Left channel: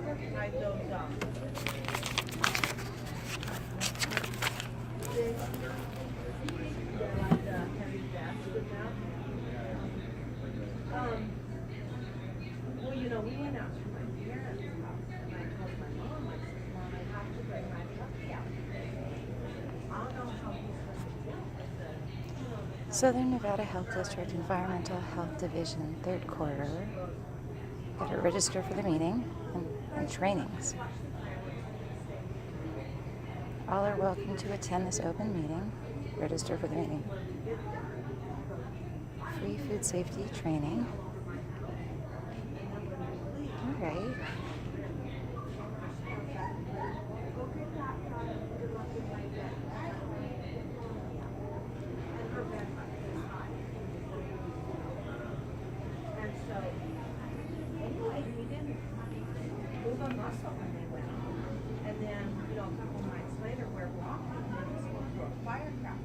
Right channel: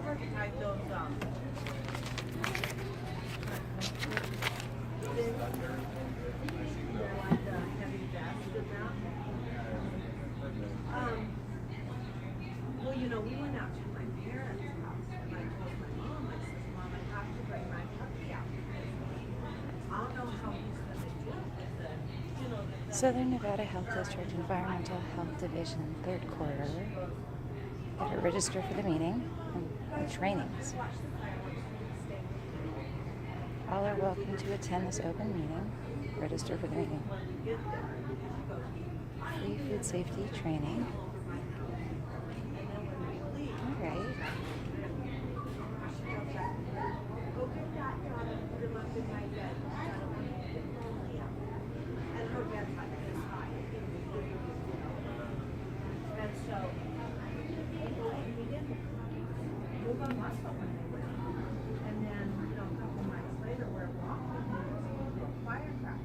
recognize those, well, you know, we went out to my parents' house, and I told my mom, I said, Mom, I have to bring my puppy out. I don't know how he's going to do it. I said, you know, Southern Nevada Health District Environmental Health Division, third quarter. Better register for the meeting and trainings. All are welcome to attend this open meeting. Register for the meeting. Free food safety training. All right. and so, anyway, we didn't move a muscle when they went. And then, you know, a couple nights later, we're walking, and there's a firecracker.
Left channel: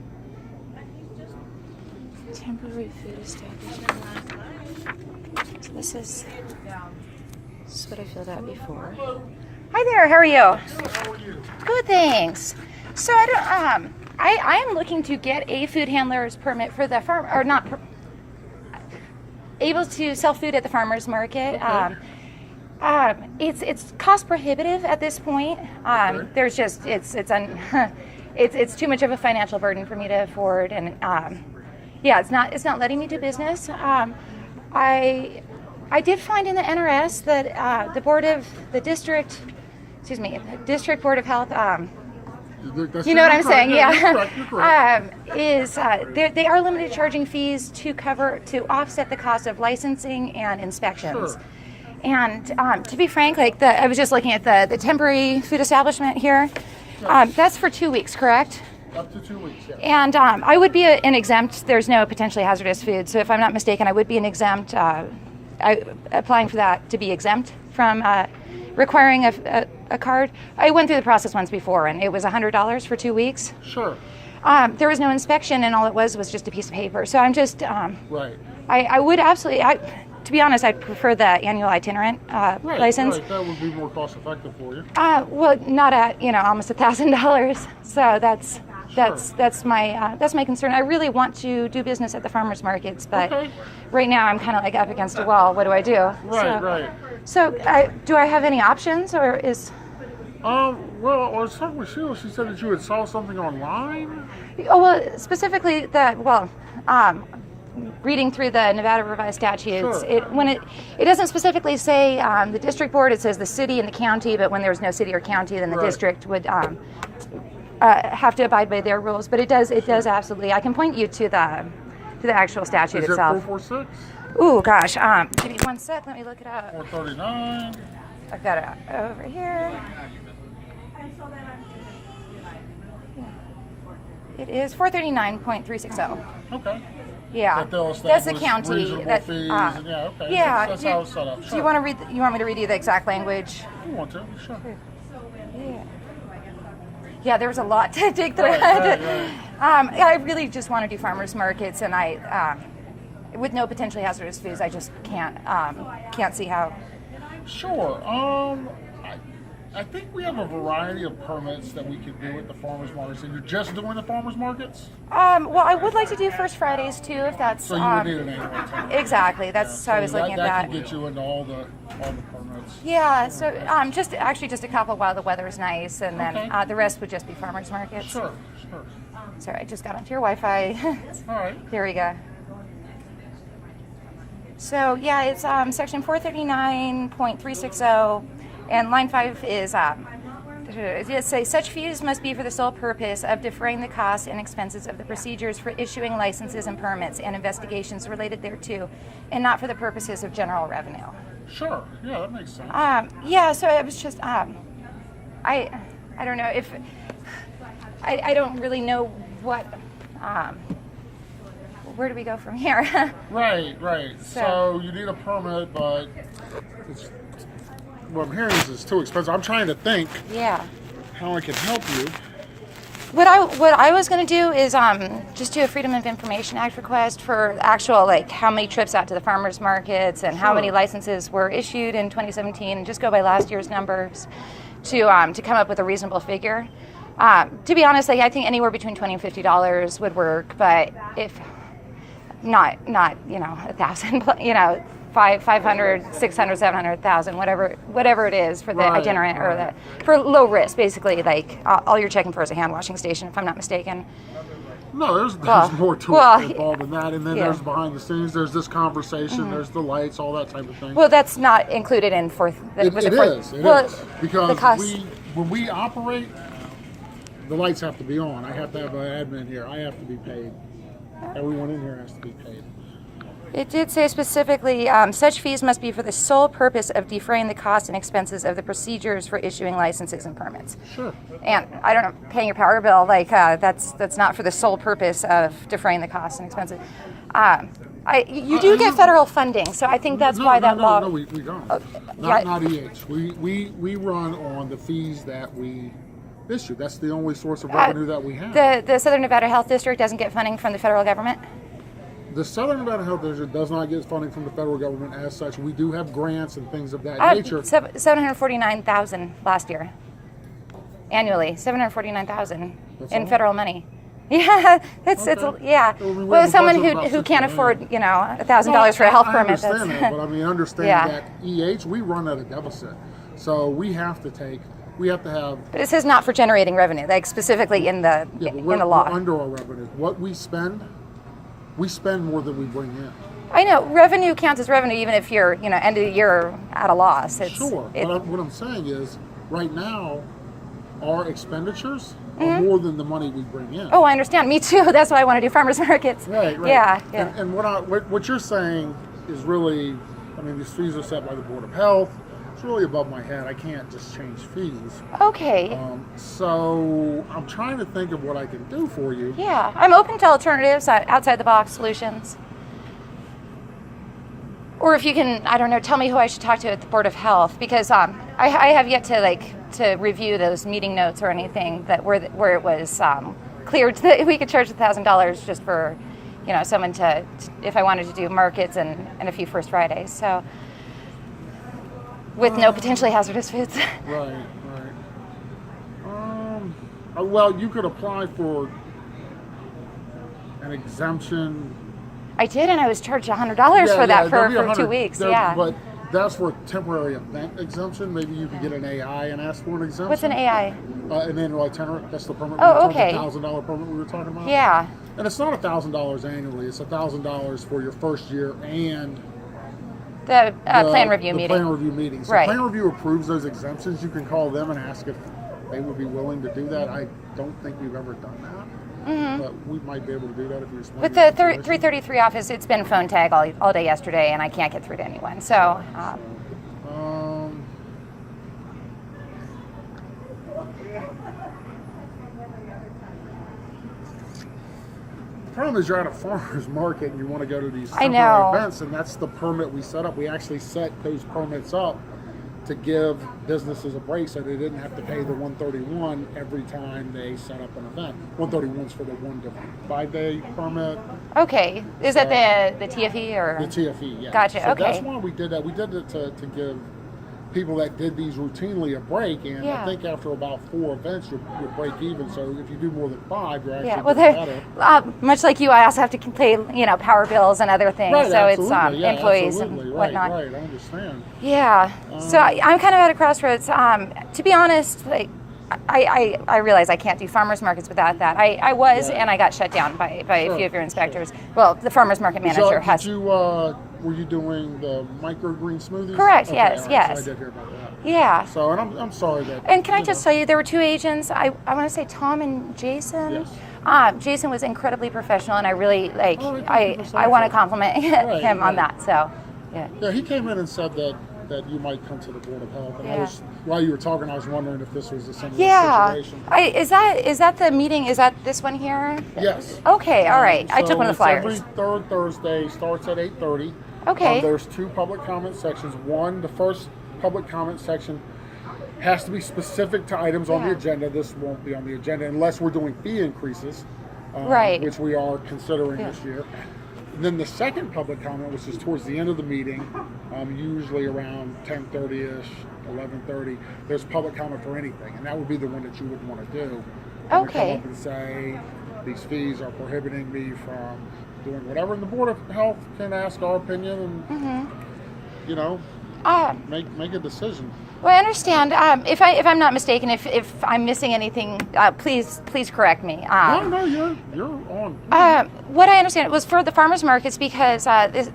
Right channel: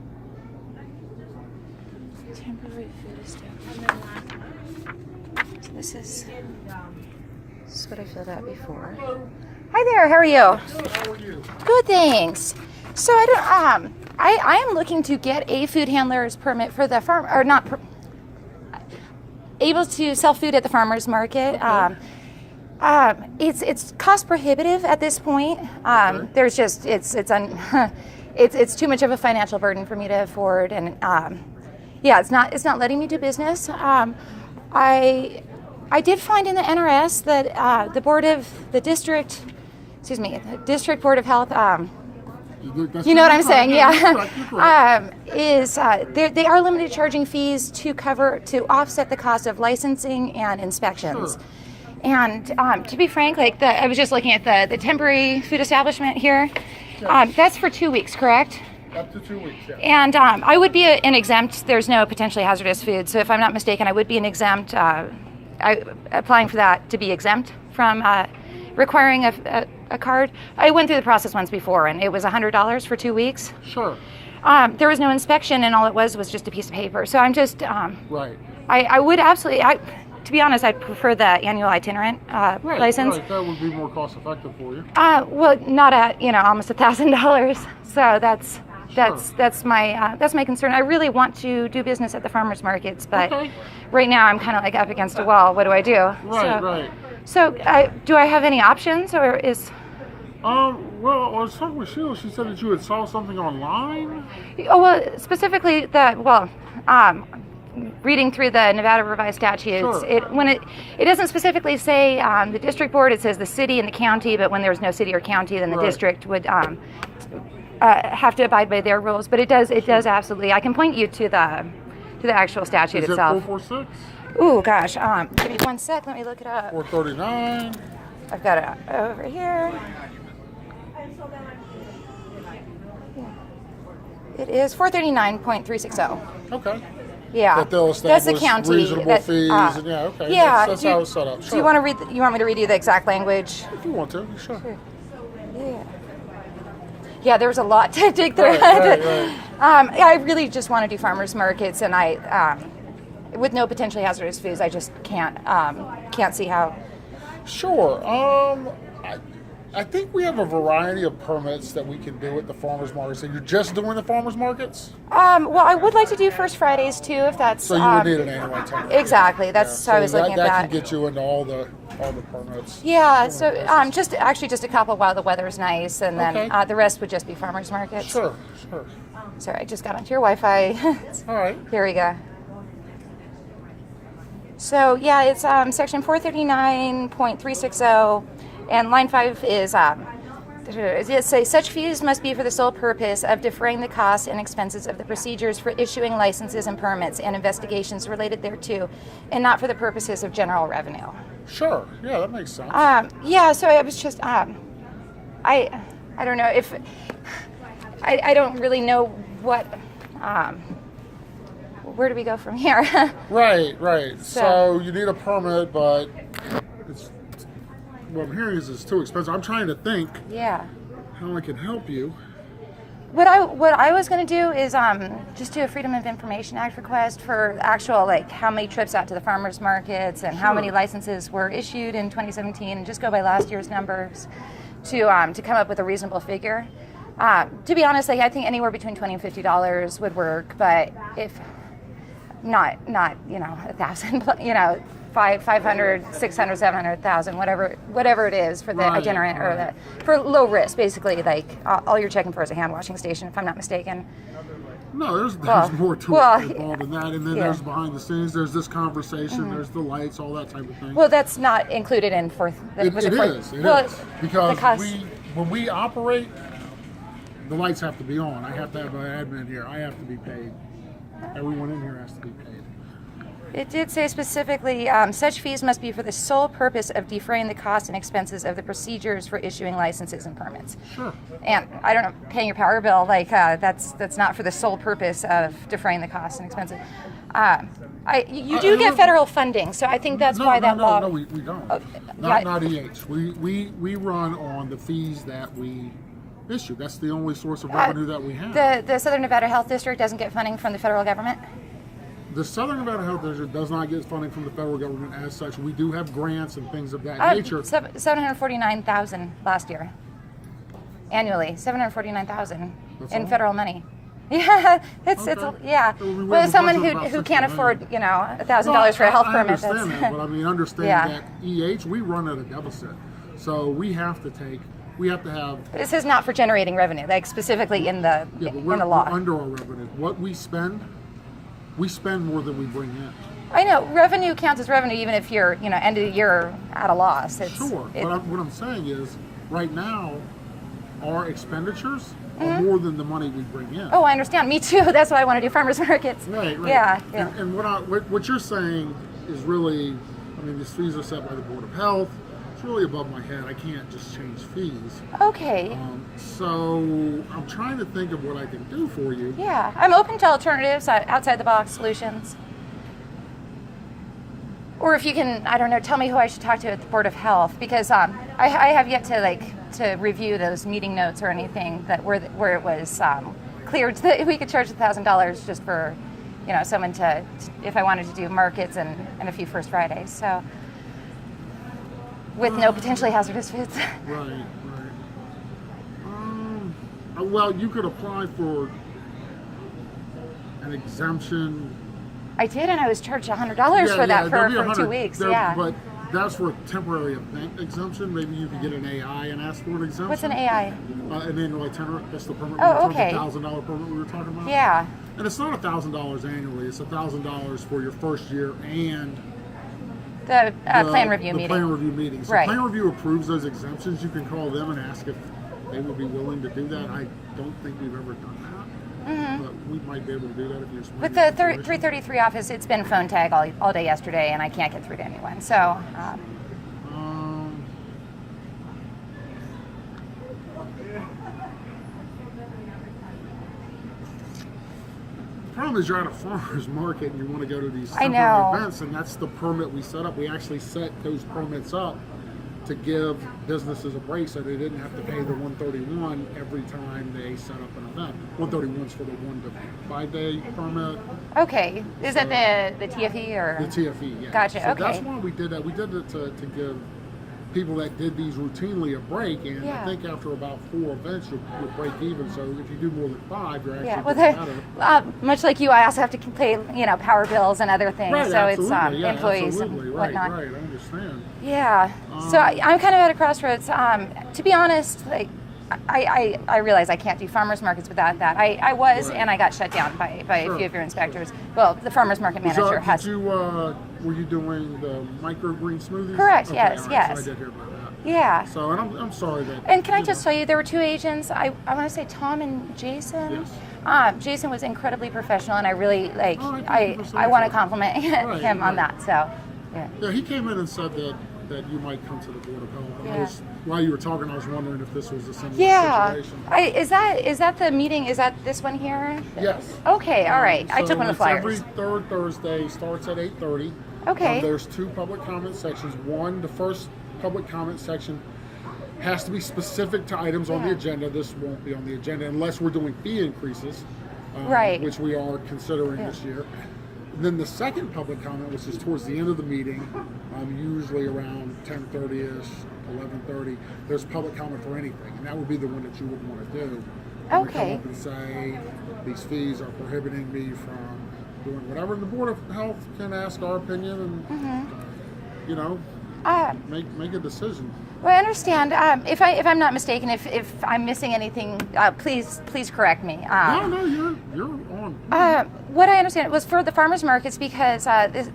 And he's just, Temporary food establishment. So this is what I filled out before. Hi there, how are you? How are you? Good, thanks. So I am looking to get a food handler's permit for the farm, or not able to sell food at the farmer's market. Okay. It's cost prohibitive at this point. Okay. There's just it's too much of a financial burden for me to afford, and yeah, it's not letting me do business. I did find in the NRS that the district board of health. You know what I'm saying? Yeah. You're correct. They are limited charging fees to offset the cost of licensing and inspections. Sure. And to be frank, I was just looking at the temporary food establishment here. That's for 2 weeks, correct? Up to 2 weeks, yeah. And I would be an exempt. There's no potentially hazardous food, so if I'm not mistaken, I would be an exempt. Applying for that to be exempt from requiring a card. I went through the process once before, and it was $100 for 2 weeks. Sure. There was no inspection, and all it was just a piece of paper. So I'm just, Right. I would absolutely, to be honest, I'd prefer the annual itinerant license. Right. That would be more cost effective for you. Well, not at almost $1,000. So that's my concern. I really want to do business at the farmers markets, but right now I'm kind of like up against a wall. What do I do? Right. So do I have any options, or is? Well, I was talking with Sheila. She said that you had saw something online. Oh, well, specifically reading through the Nevada Revised Statutes, Sure. it doesn't specifically say the district board. It says the city and the county, but when there's no city or county, then the district would have to abide by their rules. But it does absolutely. I can point you to the actual statute Is itself. It 446? Ooh, gosh. Give me 1 sec. Let me look it up. 439. I've got it over here. It is 439.360. Okay. Yeah, But they'll that's the establish county. reasonable fees, and okay. Yeah, That's how it's set up. Do you want to read? You want me to read you the exact language? If you want to, sure. Yeah. Yeah, there was a lot to dig through. Right. I really just want to do farmers markets, and with no potentially hazardous foods, I just can't see how. Sure. I think we have a variety of permits that we can do at the farmers markets. And you're just doing the farmers markets? Well, I would like to do First Fridays too, if that's. So you would need an annual permit. Exactly. That's how I was looking at that. That can get you into all the permits. Yeah. So just a couple while the weather's nice, and then the rest would just be farmers markets. Sure. Sorry, I just got onto your Wi-Fi. All right. Here we go. So yeah, it's section 439.360, and line 5 is it says such fees must be for the sole purpose of defraying the costs and expenses of the procedures for issuing licenses and permits and investigations related thereto, and not for the purposes of general revenue. Sure. Yeah, that makes sense. Yeah. So I was just I don't know if I don't really know what. Where do we go from here? Right. So you need a permit, but what I'm hearing is it's too expensive. I'm trying to think Yeah. how I can help you. What I was going to do is just do a Freedom of Information Act request for actual, like, how many trips out to the farmers markets and how many licenses were issued in 2017, and just go by last year's numbers to come up with a reasonable figure. To be honest, like, I think anywhere between $20 and $50 would work, but if not 1,000, 500, 600, 700,000, whatever it is for the itinerant or for low risk, basically. Like, all you're checking for is a hand washing station, if I'm not mistaken. No, there's more to it involved in that, and then there's behind the scenes. There's this conversation. There's the lights, all that type of thing. Well, that's not included in fourth. It is because when we operate, the lights have to be on. I have to have an admin here. I have to be paid. Everyone in here has to be paid. It did say specifically, such fees must be for the sole purpose of defraying the costs and expenses of the procedures for issuing licenses and permits. Sure. And I don't know, paying your power bill, like, that's not for the sole purpose of defraying the costs and expenses. You do get federal funding, so I think that's why that law. No, we don't. Not EH. We run on the fees that we issue. That's the only source of revenue that we have. The Southern Nevada Health District doesn't get funding from the federal government? The Southern Nevada Health District does not get funding from the federal government as such. We do have grants and things of that nature. $749,000 last year, annually. $749,000 in federal money. Yeah, it's Well, someone who can't afford $1,000 for a health permit. I understand that, but I mean, understand that EH, we run at a deficit, so we have to have. But it says not for generating revenue, like specifically in the law. We're under our revenue. What we spend more than we bring in. I know revenue counts as revenue, even if you're end of the year at a loss. Sure, but what I'm saying is, right now, our expenditures are more than the money we bring in. Oh, I understand. Me too. That's why I want to do farmers markets. Right. Yeah. And what you're saying is really, I mean, these fees are set by the Board of Health. It's really above my head. I can't just change fees. Okay. So I'm trying to think of what I can do for you. Yeah, I'm open to alternatives, outside the box solutions. Or if you can, I don't know, tell me who I should talk to at the Board of Health, because I have yet to review those meeting notes or anything where it was cleared that we could charge $1,000 just for someone to if I wanted to do markets and a few First Fridays. So. With no potentially hazardous foods. Right. Well, you could apply for an exemption. I did, and I was charged $100 for that for 2 weeks. But that's for a temporary event exemption. Maybe you could get an AI and ask for an exemption. What's an AI? An annual itinerant. That's the permit. Oh, okay. $1,000 permit we were talking about. Yeah. And it's not $1,000 annually. It's $1,000 for your first year and. The plan review meeting. Plan review meeting. So right. Plan review approves those exemptions. You can call them and ask if they would be willing to do that. I don't think we've ever done that, but we might be able to do that if you're smart. But the 333 office, it's been phone tag all day yesterday, and I can't get through to anyone. So. The problem is you're at a farmer's market and you want to go to these temporary events, and that's the permit we set up. We actually set those permits up to give businesses a break so they didn't have to pay the $131 every time they set up an event. $131 is for the 1 to 5 day permit. Okay. Is that the TFE or? The TFE, yeah. Gotcha, so okay. That's why we did that. We did it to give people that did these routinely a break, and I think after about 4 events you break even. So if you do more than 5, you're actually getting better. Much like you, I also have to pay power bills and other things. Right, so absolutely. It's employees absolutely. and whatnot. Right, I understand. Yeah. So I'm kind of at a crossroads. To be honest, like I realize I can't do farmers markets without that. I was, and I got shut down by a few of your inspectors. Well, the farmers market manager has. Were you doing the microgreen smoothies? Correct. Okay, yes. right, Yes. So I did hear about that. Yeah. So, and I'm sorry that. And can I just tell you, there were 2 agents. I want to say Tom and Jason. Yes. Jason was incredibly professional, and I really I want to compliment him on that. So. Yeah, he came in and said that you might come to the Board of Health. And while you were talking, I was wondering if this was a similar situation. Is that the meeting? Is that this one here? Yes. Okay, all right. I took one of the flyers. Every third Thursday, starts at 8:30. Okay. There's 2 public comment sections. The first public comment section has to be specific to items on the Yeah. agenda. This won't be on the agenda unless we're doing fee increases, Right. which we are considering Yeah. this year. And then the second public comment, which is towards the end of the meeting, usually around 10:30ish, 11:30, there's public comment for anything, and that would be the one that you would want to do. You would come Okay. up and say, these fees are prohibiting me from doing whatever, and the Board of Health can ask our opinion and, you know, make a decision. Well, I understand. If I'm not mistaken, if I'm missing anything, please correct me. No, you're on. What I understand was for the farmers markets, because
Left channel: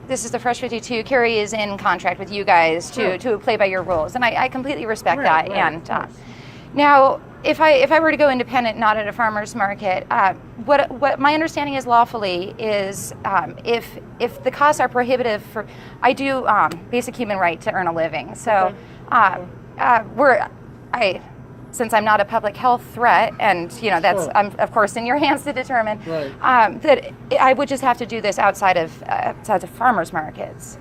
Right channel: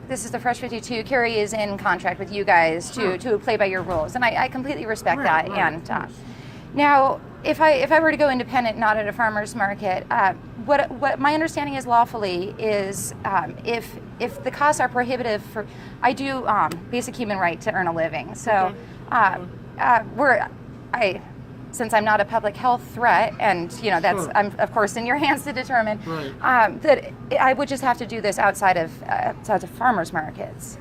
this is the Fresh 52. Kerry is in contract with you guys to play by your rules, and I completely respect that. And now, if I were to go independent, not at a farmers market, what my understanding is lawfully is if the costs are prohibitive for, I do basic human right to earn a living. So. Since I'm not a public health threat, and you know that's I'm of course in your hands to determine, that I would just have to do this outside of farmers markets,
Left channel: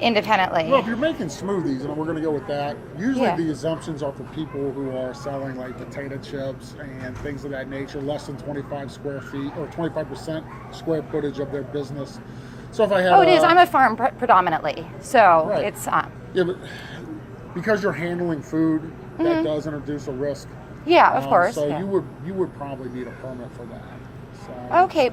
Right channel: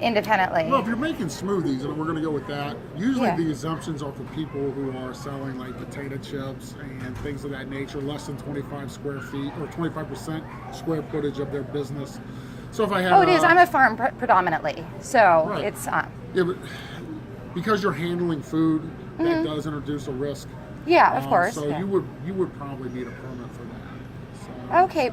independently. Well, if you're making smoothies, and we're going to go with that, usually the exemptions are for people who are selling like potato chips and things of that nature, less than 25 square feet or 25% square footage of their business. So if I have it is. I'm a farm predominantly, so it's yeah, but because you're handling food, that does introduce a risk. Yeah, of course. So you would probably need a permit for that. So. Okay,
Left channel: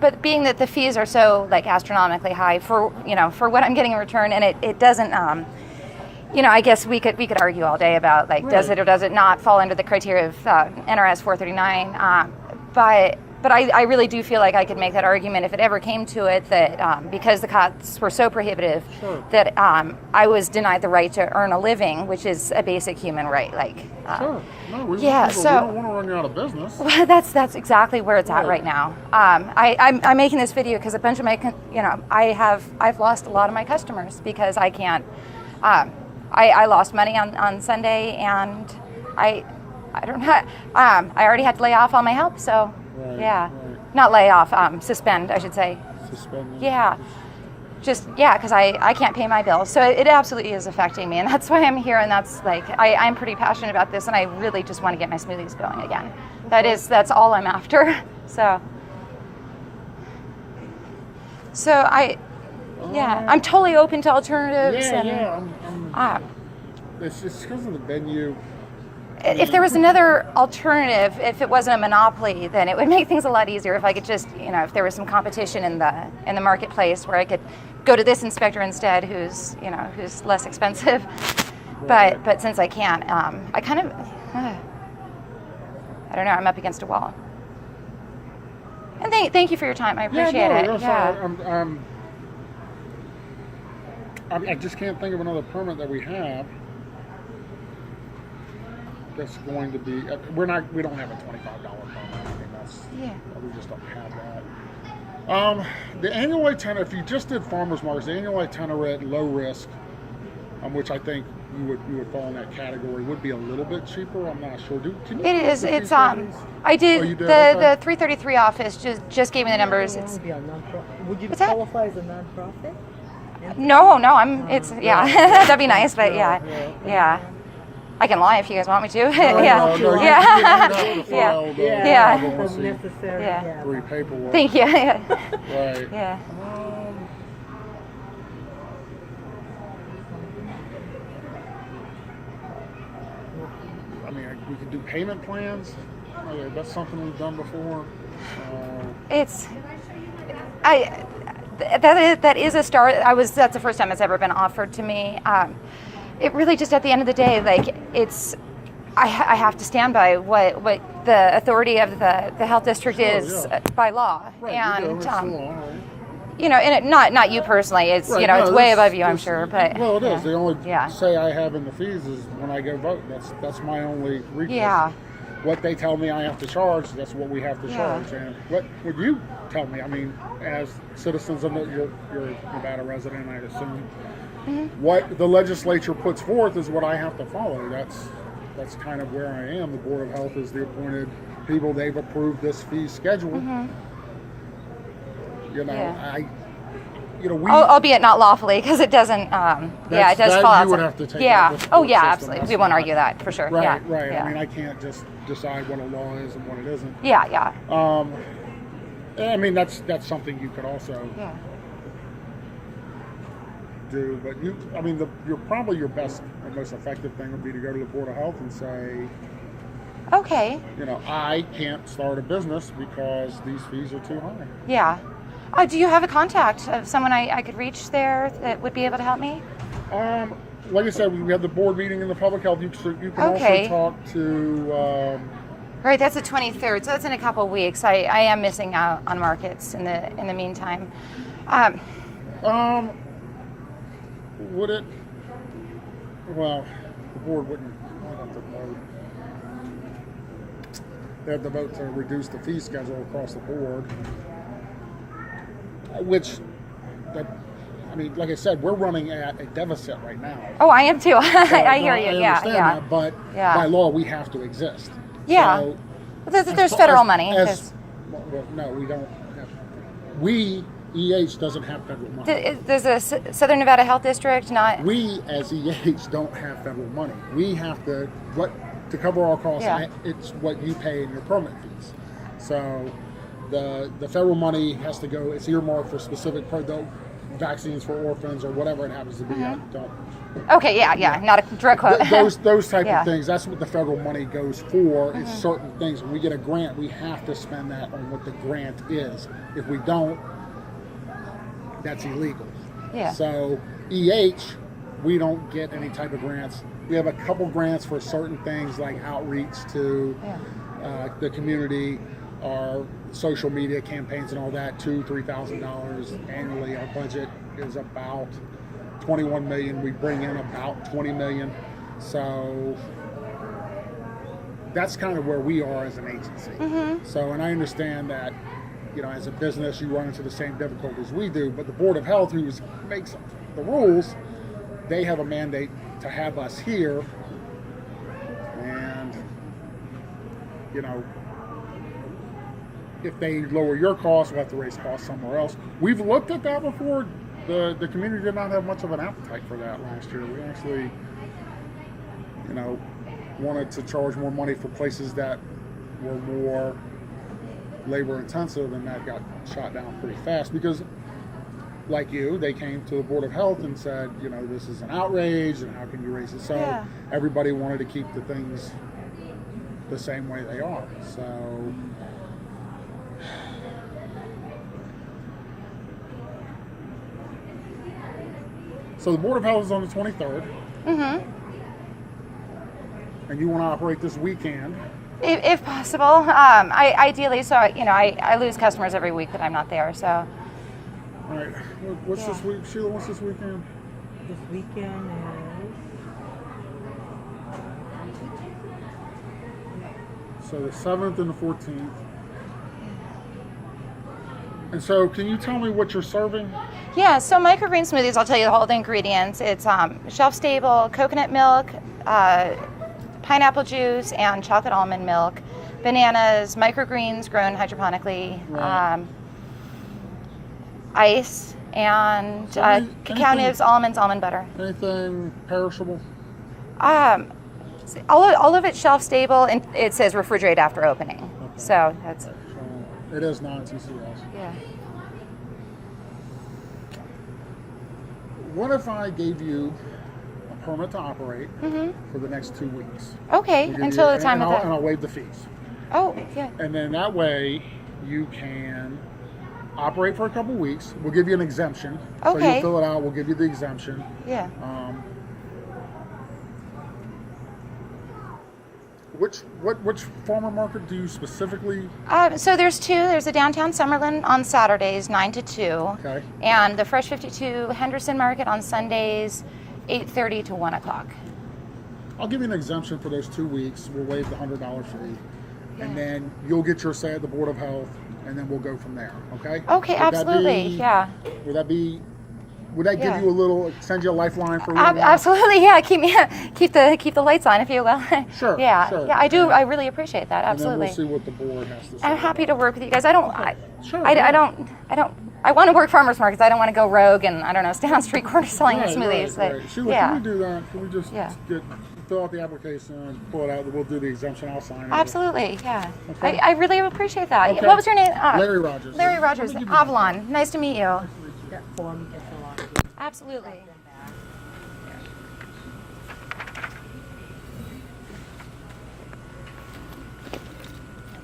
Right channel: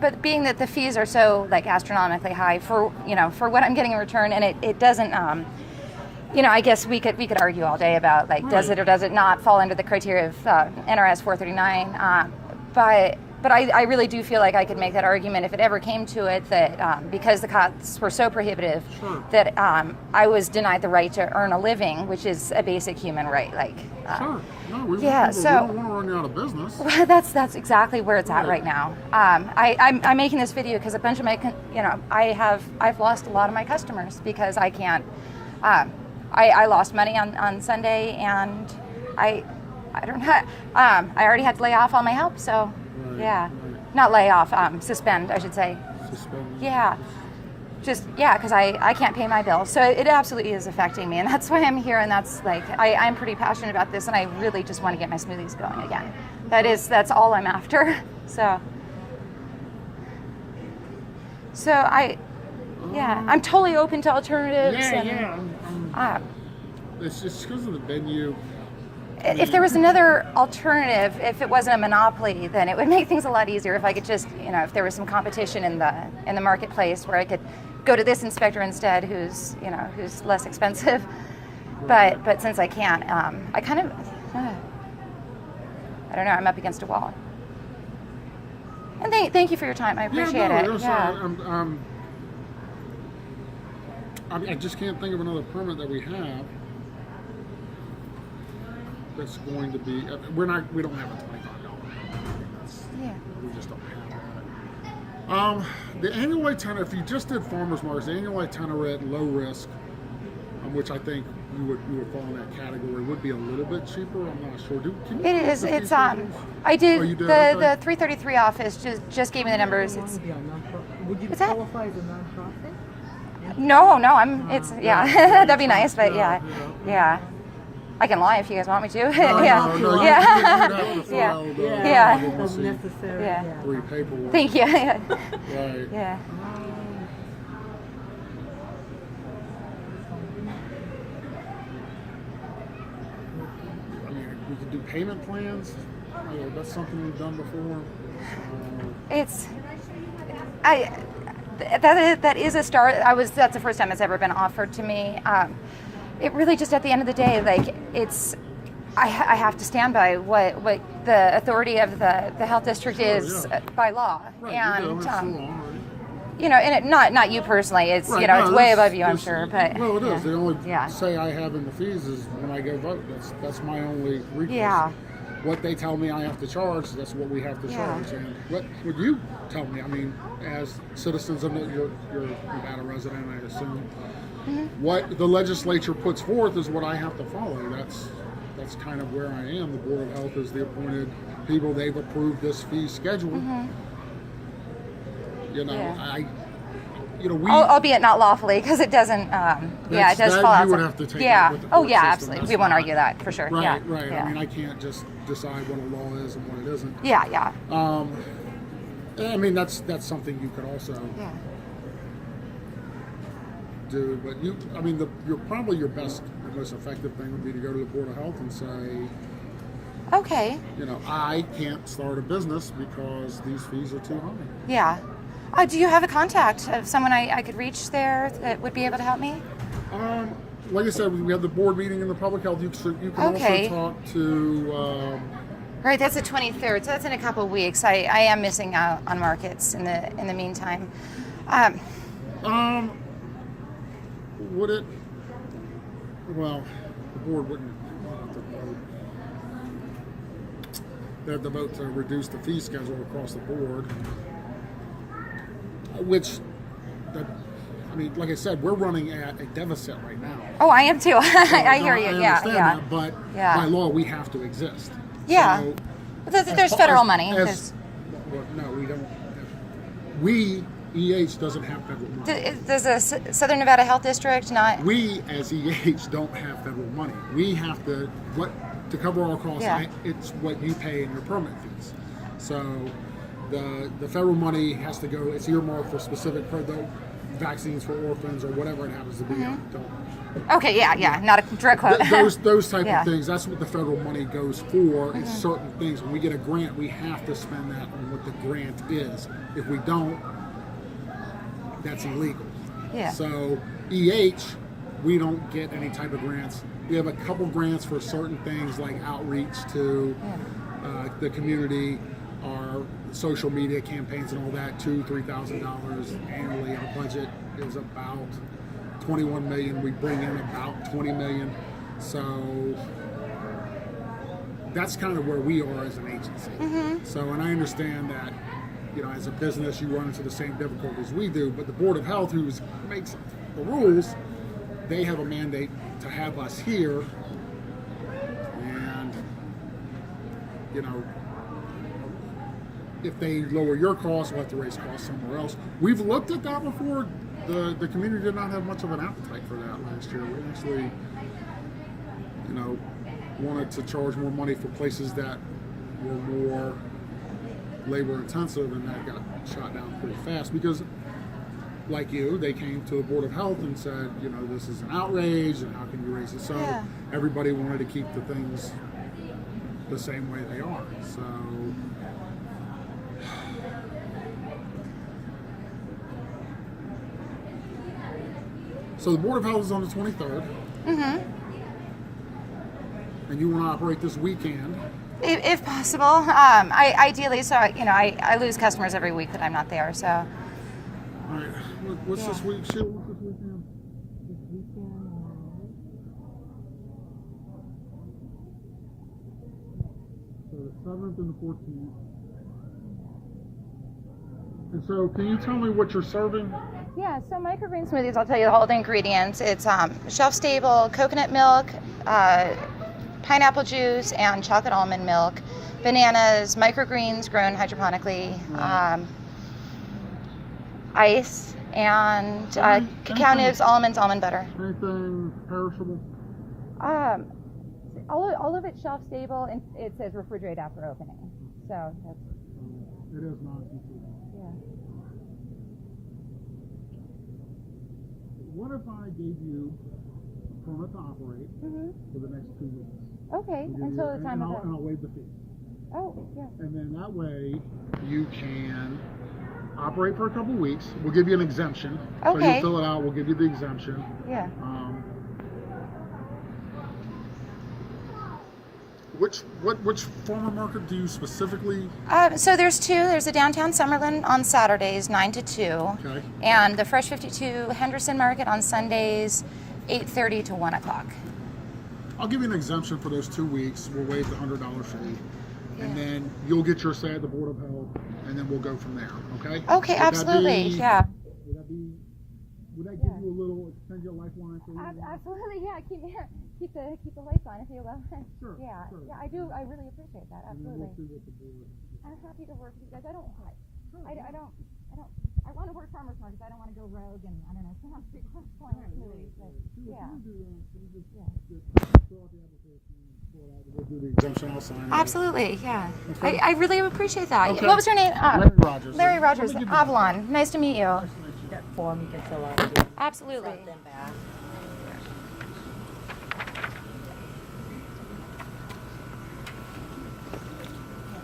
but being that the fees are so like astronomically high for what I'm getting in return, and it doesn't I guess we could argue all day about like does it or does it not fall under the criteria of NRS 439, but I really do feel like I could make that argument if it ever came to it that because the costs were so prohibitive that I was denied the right to earn a living, which is a basic human right. Like, so we don't want to run you out of business. Well, that's exactly where it's at right now. I'm making this video because a bunch of my I've lost a lot of my customers because I can't. I lost money on Sunday, and I don't know. I already had to lay off all my help, so. Not lay off, suspend, I should say. Suspend. Yeah, because I can't pay my bills. So it absolutely is affecting me, and that's why I'm here, and that's like, I'm pretty passionate about this, and I really just want to get my smoothies going again. That's all I'm after, so I'm totally open to alternatives. It's just because of the venue. If there was another alternative, if it wasn't a monopoly, then it would make things a lot easier. If I could just, if there was some competition in the marketplace where I could go to this inspector instead, who's less expensive. But since I can't, I kind of, I don't know. I'm up against a wall. And thank you for your time. I appreciate it. I just can't think of another permit that we have. That's going to be. We don't have a $25 permit. We just don't have that. The annual itinerary. If you just did farmers markets, the annual itinerary at low risk, which I think you would fall in that category, would be a little bit cheaper. I'm not sure. It is. It's I did the 333 office just gave me the numbers. Would you qualify as a nonprofit? No. That'd be nice, but yeah. I can lie if you guys want me to. Three paperwork. Thank you. Right. Yeah. I mean, we could do payment plans. That's something we've done before. That is a start. That's the first time it's ever been offered to me. It really just at the end of the day, like I have to stand by what the authority of the health district is by law, and and not you personally. It's it's way above you, I'm sure. But well, it is. The only say I have in the fees is when I go vote. That's my only recourse. Yeah. What they tell me I have to charge, that's what we have to charge. And what would you tell me? I mean, as citizens, you're Nevada resident, I assume. What the legislature puts forth is what I have to follow. That's kind of where I am. The Board of Health is the appointed people. They've approved this fee schedule. you know, albeit not lawfully, because it doesn't. Yeah, it does that fall you outside. would have to take yeah. out the Oh court yeah, system. absolutely. That's We won't fine. argue that for sure. Right, yeah. right. Yeah. I mean, I can't just decide what a law is and what it isn't. Yeah, yeah. And I mean, that's something you could also Yeah. do. But I mean, your probably your best and most effective thing would be to go to the Board of Health and say, Okay. you know, I can't start a business because these fees are too high. Yeah. Do you have a contact of someone I could reach there that would be able to help me? Like I said, we have the board meeting in the public health. You can Okay. also talk to. Right, that's the 23rd, so that's in a couple of weeks. I am missing out on markets in the meantime. Would it? Well, the board wouldn't. They have to vote to reduce the fee schedule across the board, which, I mean, like I said, we're running at a deficit right now. Oh, I am too. So, I hear I you. understand Yeah. that, but Yeah. by law, we have to exist. Yeah. So, But there's federal money. Well, no, we don't. We, EH, doesn't have federal money. Does the Southern Nevada Health District not? We, as EH, don't have federal money. We have to cover our costs. Yeah. It's what you pay in your permit fees. So the federal money has to go. It's earmarked for specific vaccines for orphans or whatever it happens to be. I don't. Okay, yeah, not a drug quote. Those type Yeah. of things. That's what the federal money goes for. Is certain things. When we get a grant, we have to spend that on what the grant is. If we don't, that's illegal. Yeah. So EH, we don't get any type of grants. We have a couple grants for certain things like outreach to the community, our social media campaigns and all that. $2,000-$3,000 annually. Our budget is about $21 million. We bring in about $20 million. So that's kind of where we are as an agency. So, and I understand that, you know, as a business, you run into the same difficulties we do, but the Board of Health, who makes the rules, they have a mandate to have us here, and, you know, if they lower your costs, we'll have to raise costs somewhere else. We've looked at that before. The community did not have much of an appetite for that last year. We actually, you know, wanted to charge more money for places that were more labor intensive, and that got shot down pretty fast because, like you, they came to the Board of Health and said, you know, this is an outrage and how can you raise it? So everybody wanted to keep the things the same way they are. So the Board of Health is on the 23rd. And you want to operate this weekend. If possible. Ideally, so, you know, I lose customers every week that I'm not there, so. All right. What's this week, Sheila? What's this weekend? This weekend is... So the 7th and the 14th. And so can you tell me what you're serving? Yeah, so microgreen smoothies, I'll tell you all the ingredients. It's shelf-stable coconut milk, pineapple juice, and chocolate almond milk, bananas, microgreens grown hydroponically, ice, and cacao nibs, almonds, almond butter. Anything perishable? All of it's shelf-stable, and it says refrigerate after opening. Okay. So that's... It is non-TCS. Yeah. What if I gave you a permit to operate for the next 2 weeks? Okay, until the time of that. And I'll waive the fees. Oh, yeah. And then that way you can operate for a couple weeks. We'll give you an exemption. Okay. So you fill it out, we'll give you the exemption. Yeah. Which farmer market do you specifically? So there's two. There's a downtown Summerlin on Saturdays, 9 to 2. Okay. And the Fresh 52 Henderson Market on Sundays, 8:30 to 1 o'clock. I'll give you an exemption for those 2 weeks. We'll waive the $100 fee. And then you'll get your say at the Board of Health, and then we'll go from there, okay? Okay, absolutely, yeah. Would that be would that give Yeah. you a little, send you a lifeline for a little while? Absolutely, yeah. Keep the lights on, if you will. Sure, Yeah, sure. yeah. I do. I really appreciate that. And then Absolutely. we'll see what the board has to say. I'm happy to work with you guys. I don't. Sure, I yeah. don't. I want to work farmers markets. I don't want to go rogue and I don't know, stand on street corners selling smoothies. Right. Sheila, yeah. can we do that? Can we just Yeah. fill out the application, pull it out, we'll do the exemption, I'll sign it. Absolutely, yeah. Okay. I really appreciate that. Okay. What was your name? Larry Rogers. Larry Rogers, Let me give you Avalon. Nice to meet you. That form you can fill out again. Absolutely. Send them back.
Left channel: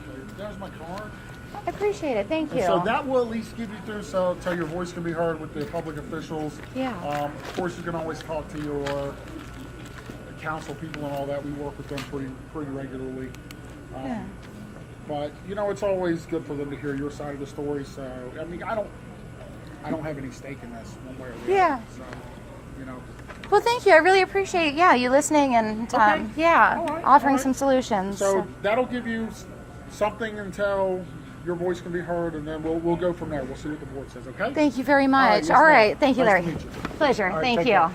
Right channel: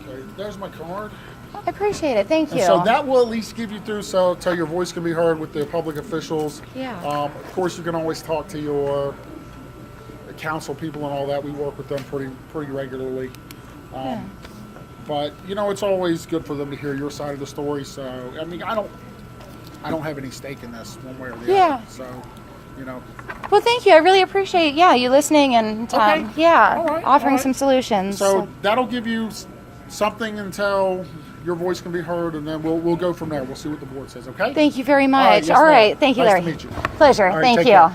Okay, there's my card. I appreciate it. Thank you. And so that will at least give you through, so your voice can be heard with the public officials. Yeah. Of course, you can always talk to your council people and all that. We work with them pretty regularly. Yeah. But it's always good for them to hear your side of the story. So I mean, I don't have any stake in this one way or the other. Yeah. So Well, thank you. I really appreciate you listening and Okay. All right, offering all right. some solutions. So that'll give you something until your voice can be heard, and then we'll go from there. We'll see what the board says. Okay. Thank you very much. yes, All ma'am. right. Thank you, Nice Larry. to meet you. Pleasure. All right, Thank take you. care.